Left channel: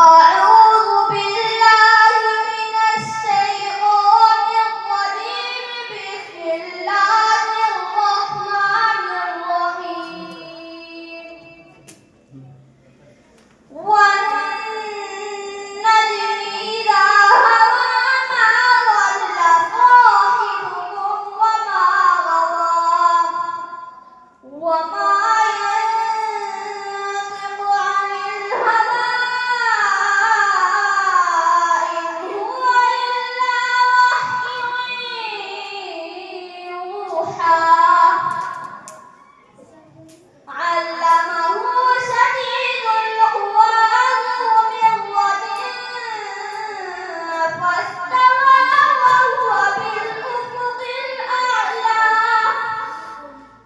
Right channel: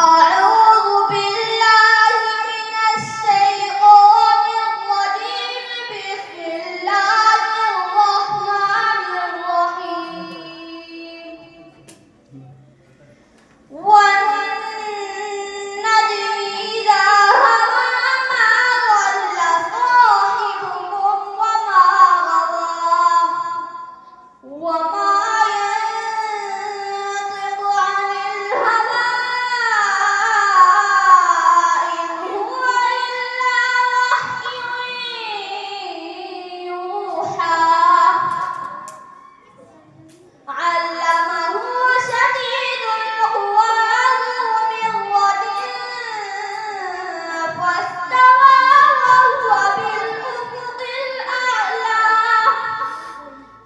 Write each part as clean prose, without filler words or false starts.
أعوذ بالله من الشيطان الرجيم. بسم الله الرحمن الرحيم. والنجم إذا هوى ما ضل صاحبكم وما غوى وما ينطق عن الهوى إن هو إلا وحي يوحى. علمه شديد القوى ذو مرة فاستوى وهو بالأفق الأعلى.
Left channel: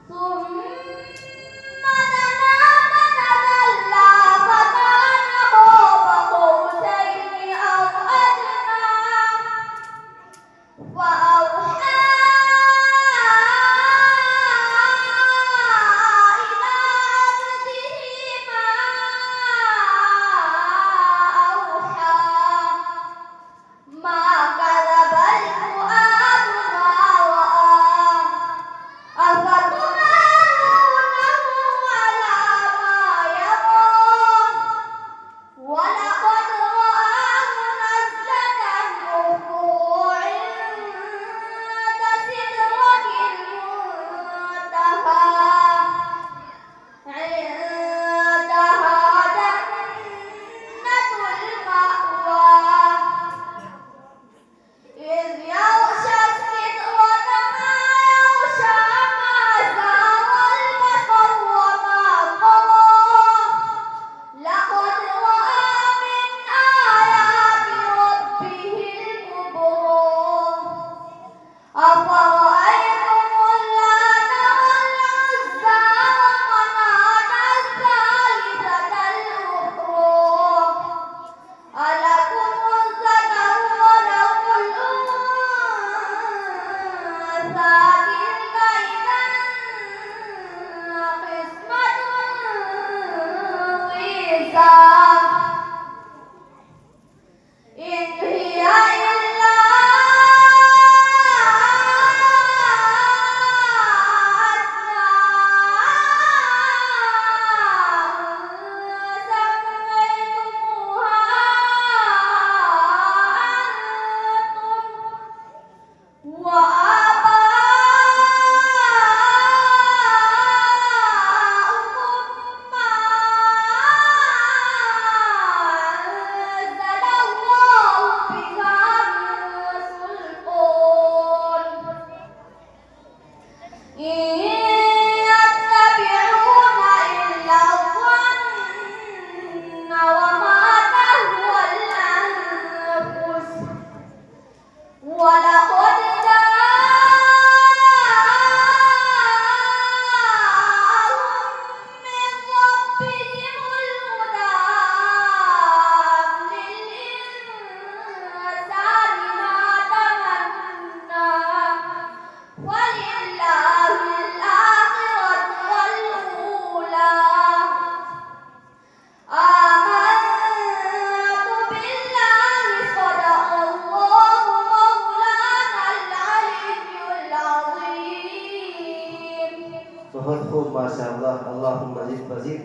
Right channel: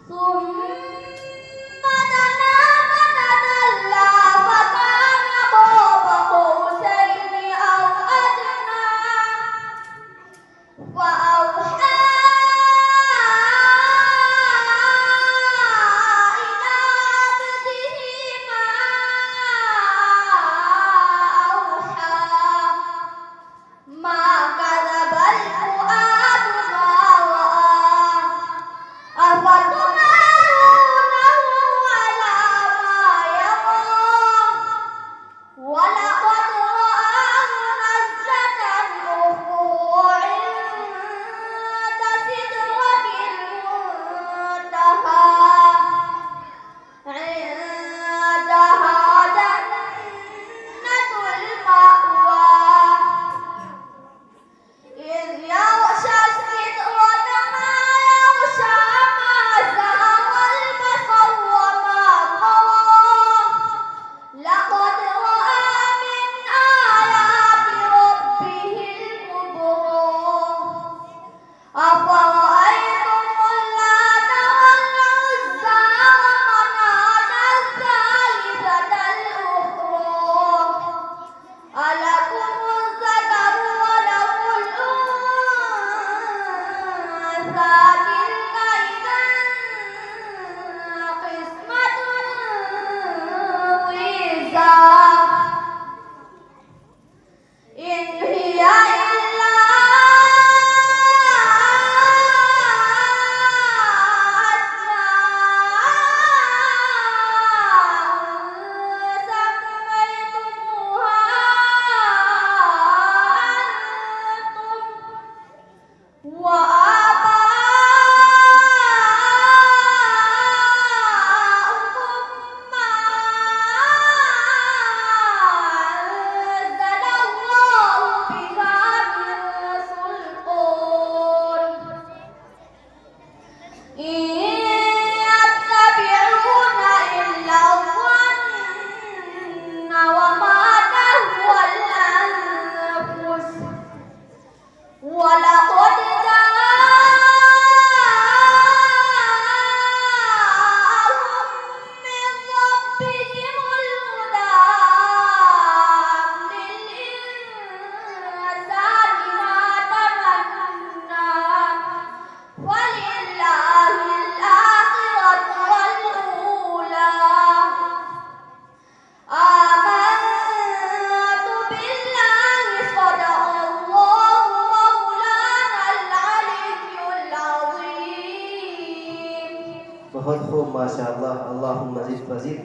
ثم دنا فتدلى فكان قاب قوسين أو أدنى. فأوحى إلى عبده ما أوحى. ما كذب الفؤاد ما رأى. أفتمارونه على ما يرى. ولقد رآه نزلة أخرى عند سدرة المنتهى. عندها جنة المأوى. إذ يغشى السدرة ما يغشى. ما زاغ البصر وما طغى. لقد رأى من آيات ربه الكبرى. أفرأيتم اللات والعزى ومناة الثالثة الأخرى. ألكم الذكر وله الأنثى. تلك إذا قسمة ضيزى. إن هي إلا أسماء سميتموها أنتم وآباؤكم ما أنزل الله بها من سلطان. إن يتبعون إلا الظن وما تهوى الأنفس. ولقد جاءهم من ربهم الهدى. أم للإنسان ما تمنى. ولله الآخرة والأولى. آمنت بالله صدق الله مولانا العلي العظيم. बहुत खूब माशाअल्लाह। अल्लाहुम्मा ज़िद व ज़िद।